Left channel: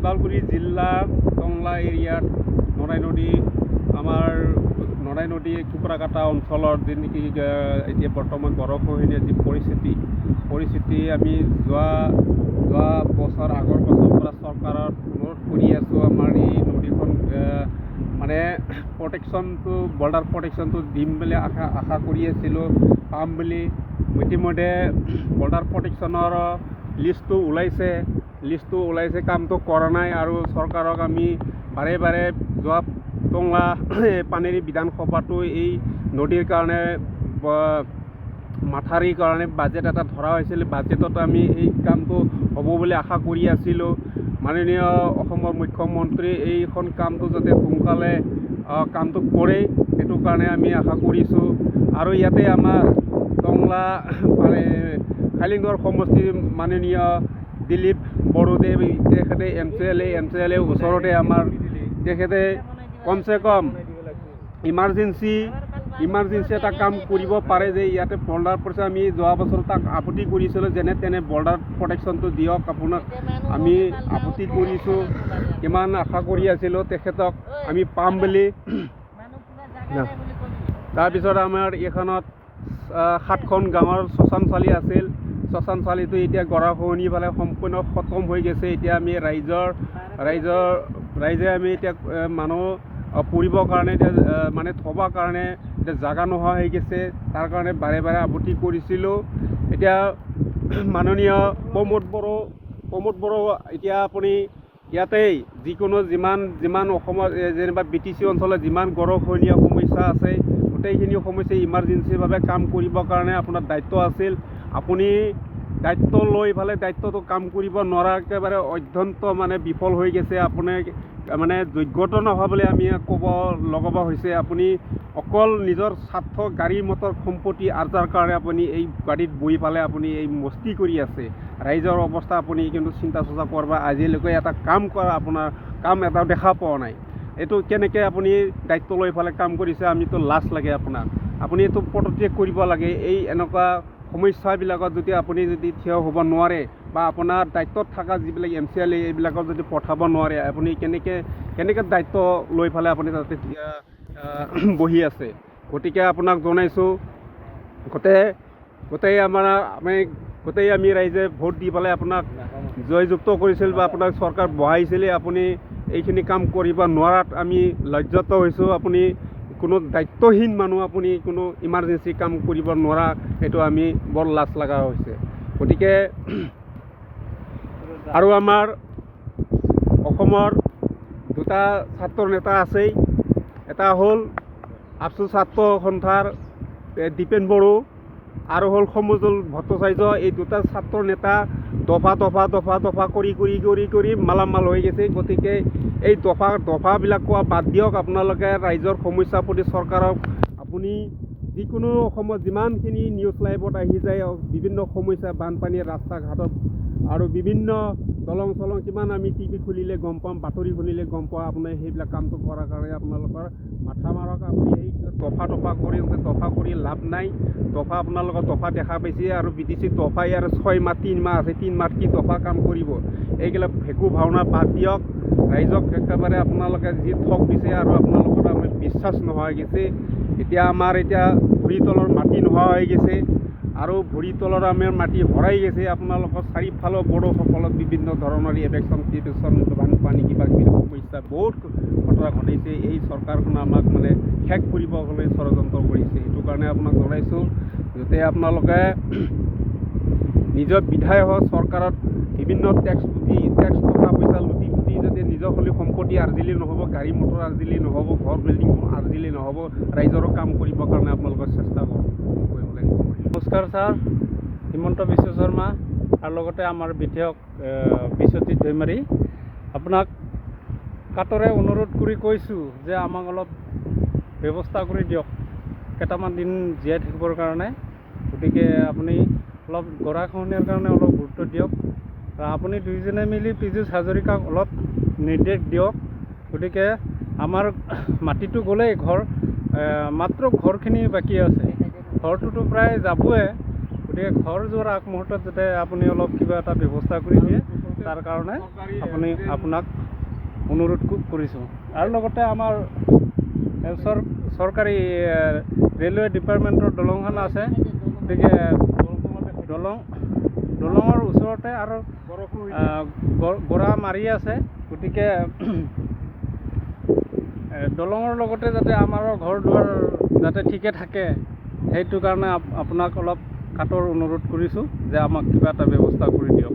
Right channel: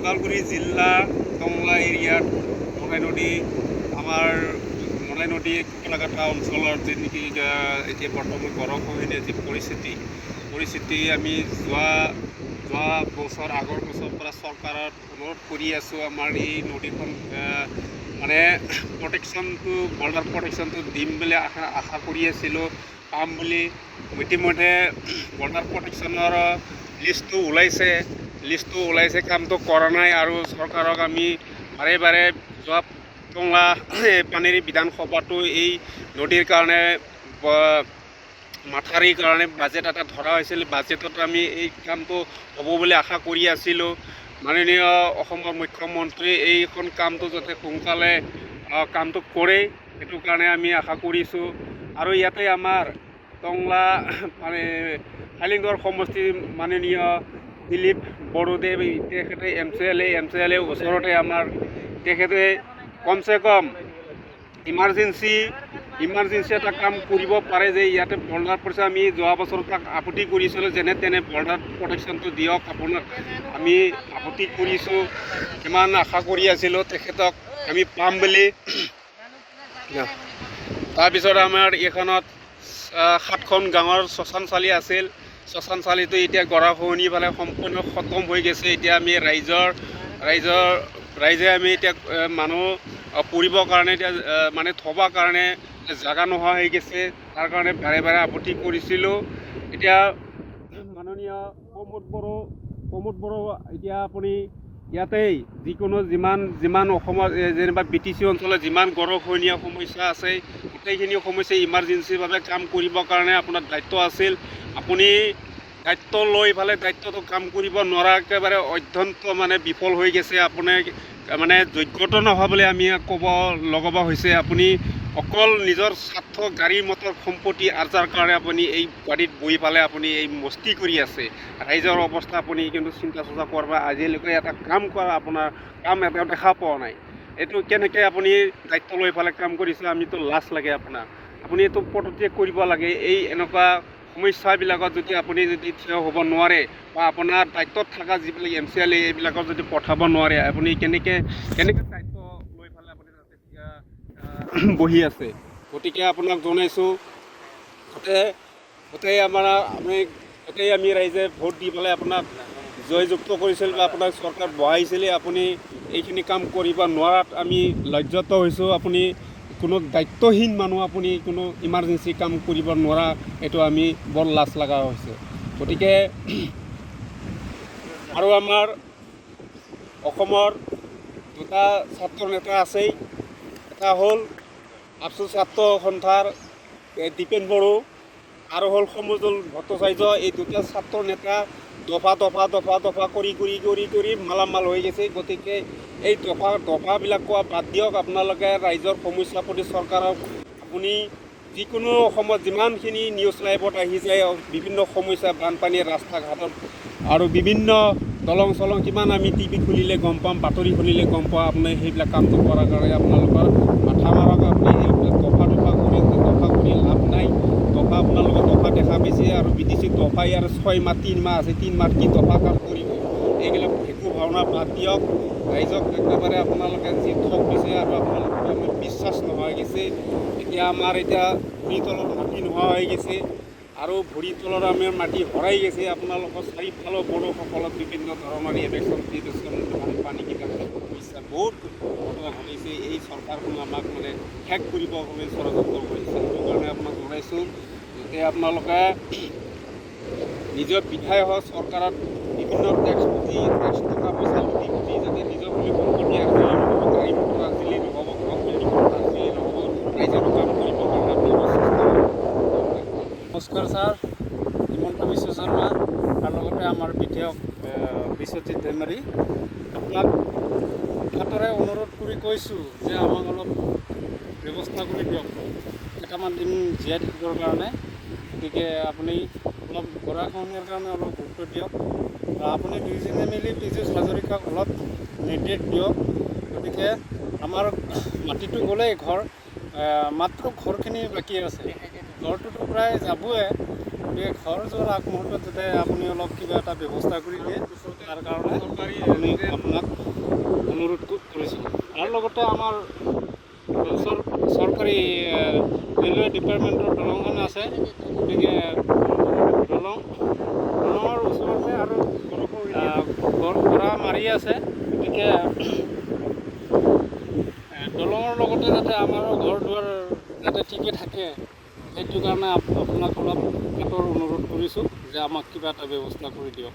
ওদালগুৰি জিলা টংলা এৰিয়াত নৰাই নদী আমাৰ নৰাই নদী কুকুৰাকাটা অঞ্চলৰ যি নেকি এতিয়া বৰ্তমান গৰাখহনীয়া যি পৰিস্থিতি আমি যোৱা বছৰ আগৰ বছৰৰ পৰা চৰকাৰত অনুৰোধ কৰি আছোঁ আমাৰ এই নদীখন মানে প্ৰটেকশ্যনটো বৰ্ডাৰ প্ৰটেকশ্যনটো দিম বুলি আশা কৰি আছিলোঁ পাম বুলি ইতিমধ্যে বৰ্ডাৰ প্ৰটেকশ্যনৰ লিষ্টটো ওলাইছে কামটো কৰা নাই আৰু চৰকাৰক আমি বাৰে বাৰে যোৱা টংলা পানেৰী বিধানসভাটো এই নদীৰ কাৰণে মাথাৰিৰ কাৰণে বাজেট এটা ধৰা হৈছিল বাজেটত আমি এই কামটো হ'ব বুলি আশা কৰি আছিলোঁ মাননীয় অসমৰ মুখ্যমন্ত্ৰী এইখন কামটো যাতে সোনকালে কামটো কৰে সেইটো কাৰণে আমি আশা কৰিছোঁ আৰু ইয়াতে আমাৰ টংলা হাইলিংগড় সমষ্টিৰ মাননীয় দিলীপ বড়োদেৱ তেখেতে এম চি এল এ ওচৰতে আমাৰ তেখেতে কমচে কম ইমাৰ্জেঞ্চি এটা কাম কৰিব পাৰে যে ইয়াতে বৰ্ডাৰ পৰিছে আমি যোৱা বছৰ তাক আপত্তি কৰিছিলোঁ যেনে তেনে বৰ্ডাৰ প্ৰটেকশ্যনটো দিয়ক আপোনাক আমি আপত্তি কৰিছোঁ কিমান আশা কৰি আছিলোঁ তেখেতক আমি পাম বুলি তাৰপিছত আমাৰ এইখনত 7খন গাঁৱৰ শ্মশানশালী আছিল শ্মশানশালীটো এতিয়া গৰাখহনীৰ ফালে সম্পূৰ্ণ খতম হৈ গৈছে এতিয়া আমি ৰাইজে আমি এতিয়া মানুহ পৰিবৰ কাৰণে এতিয়া মানে থবৰ কাৰণে এতিয়া জাগা নোহোৱা হৈ গৈছে তাৰ কাৰণে বাৰে বাৰে আপত্তি কৰিছিলোঁ এতিয়া মাননীয় প্ৰমোদ বড়ো এতিয়া আপুনি ইয়াতেই যিকোনো যিমান অসমৰ যেনিবা BTC অঞ্চলত যিমান গৰাখহনীয়া সমস্যা আছে গোটেইখিনি সমস্যা ইমাৰ্জেঞ্চিভাৱে কাম কৰিবৰ কাৰণে আপোনাৰ দায়িত্ব আছিল আপুনি দায়িত্ব লৈ ফালে দায়িত্বটো কাম কৰিব নোৱাৰা একেবাৰে অত্যন্ত মানে বিফল হৈ গৈছে আপুনি মানে যোগ্যতা নোহোৱা আমি ক'ব লগাব হৈছে আপুনি অকল নিজৰ স্বাৰ্থ গাড়ী মটৰ সম্পত্তি আৰ্জাৰ কাৰণে আপুনি এই গাড়ীত বহি পালে আপুনি এই মস্তি কৰি আছে ৰাইজৰ অৱস্থা আপুনি কিন্তু চিন্তা চৰ্চা কৰিব আজিলৈকে এটা কাম কৰা আপোনাৰ কাম এটা দেখা পোৱা নাই এইটো কেনেকৈ আপুনি দায়িত্ব লৈ ফালে কাম কৰিছে আমিতো লাজ লাগে আপুনি এইটো পদত্যাগ কৰিব লাগে এই এনেকুৱা সমস্যাবিলাকত যদি আপুনি থিয় হ'ব নোৱাৰে বা আপোনাৰ দায়িত্বত থকা যিবিলাক MCLA এইবিলাকত যদি পঠাব নোৱাৰে আপুনি কেনেকৈ দায়িত্ব লৈ ফালে আপুনি তাতে বহি আছে গতিকে আপোনাক জনাইছোঁ গোটেই আমি ৰাইজে ভোট দি পেলাই আপোনাক জয়যুক্ত কৰিছিল বা আপোনাক চৰকাৰ বহাইছিলে আপুনি এইখিনি কাম কৰিব নোৱাৰাত আমি লজ্জিত হৈছোঁ আপুনি কোনো দায়িত্বহীন মানুহ আপুনি কোনো ইমাৰ্জেঞ্চি কাম কৰিব নোৱাৰা এইটো আমি বৰ লাজ লগা হৈছে গতিকে আৰু আমাৰ অসমৰ দুটা ছাত্ৰ নেতা আছেই এটা হ'ল আবছু ছাত্ৰ সন্থাৰ দীপেন বড়ো আৰু হ'ল সমুজল ভট্টাচাৰ্য এই দুটা ছাত্ৰ নেতা দফা কৰি মালামাল হৈ গৈছে গতিকে এই দফাবিলাক কোৱা বাদ দিয়ক আপোনালোকে ৰাইজৰ সমস্যাৰ প্ৰতি চৰকাৰক আপুনি যিকোনো অসমত যিমানখিনি নিউজ লাইভত আহি যায় বিভিন্ন সমস্যা বানপানীৰ ৰাস্তা ঘাটত আৰু বিভিন্ন দলং চলং কিমান আমি টিভি খুলিলে গম পাম বাতৰি শুনিলে গম পাওঁ আপুনি সেইবিলাক কামটো কৰাৰ কাৰণে আপোনালোকৰ মাথা মাৰক আপুনি এইবিলাক দফা কৰি লাভ নাই আপোনালোকৰ দফা দেখা পাইছে আৰু BTC দফা ইয়াৰ 6 মাহ 3 মাহ আছে 3 মাহ কি দফা কাম কৰিব এইবিলাক ভেকু ভাওনা বাদ দিয়ক ৰাইজক একেবাৰে আপোনালোকে যি ঠগ দিছে আৰু আপোনালোকৰ আমি বিশ্বাস নোহোৱা হৈ গৈছে আমাৰ ভৰি তলৰ মাটি নোহোৱা হৈ গৈছে আৰু ভৰি তলৰ আমাৰ মাটি হৰাই গৈছে আপোনালোকৰ চাৰিওফালৰ বড়োসকলক বিভিন্ন ধৰণৰ ইলেকশ্যন বানপানী কিবা সমস্যা বহুত ঘটনা ঘটিছে এই চৰকাৰখনে আমাক মানে শেষ কৰিবলৈ ষড়যন্ত্ৰ কৰিছে সেইটো কাৰণে আপোনাক জনাইছোঁ যাতে আপোনালোকে নিজৰ বিধায়ক চৰকাৰত বিভিন্ন টেক্স টকা পইচা লুটি যাতে নিজৰ বুলি সম্পত্তি আৰ্জিলে নহ'ব গাড়ী মটৰ আৰ্জিলে নহ'ব ঘৰ বিল্ডিং আৰ্জিলে নহ'ব ৰাইজৰো কাম কৰিবৰ কাৰণে আপোনালোকৰ চেষ্টা নমস্কাৰ ছাৰ হিমন্ত বিশ্ব শৰ্মা আৰু লগতে আমাৰ বিধায়ক বিশ্বজিৎ দৈমাৰী আপোনাক কাটৰে অনুৰোধ কৰি কৈছোঁ যে আমাক অলপ ব্যৱস্থা কৰি দিয়ক কেইটামান দিন জীয়াই থাকিবৰ কাৰণে গতিকে আপুনি অলপ গৰাখহনীয়াৰ কাৰণে অলপ গুৰুত্ব দিয়ক আপুনি দুইজনে মিলি পীযুষ হাজৰিকাক অলপ নিৰ্দেশ দিয়ক গতিকে আমাৰ মাটিটো গ'লেই মাত্ৰ ঘৰখিনি বাকী আছে ঘৰটোতো প্ৰায় যাবই গতিকে ঘৰ যোৱাৰ আগমুহূৰ্তত যাতে আপুনি অলপ কিবা এটা ব্যৱস্থা কৰি দিয়ে তাৰ কাৰণে আপোনাক অনুৰোধ কৰিছোঁ। আৰু লগতে আমাৰ চৰকাৰী ৰেলৱে ডিপাৰ্টমেণ্টৰ দলংখন আছে, গতিকে দলঙৰ ওচৰতে আৰু গৰা মাৰি আছে, গতিকে দলঙৰ লগতে যাতে আমাৰো ঘৰ দুৱাৰ যাতে ঠিকে থাকে, সেইটো কাৰণে আপোনাক অলপ কাটৰ অনুৰোধ কৰিছোঁ যে আমাক কিবা এটা ব্যৱস্থা কৰি দিয়ক।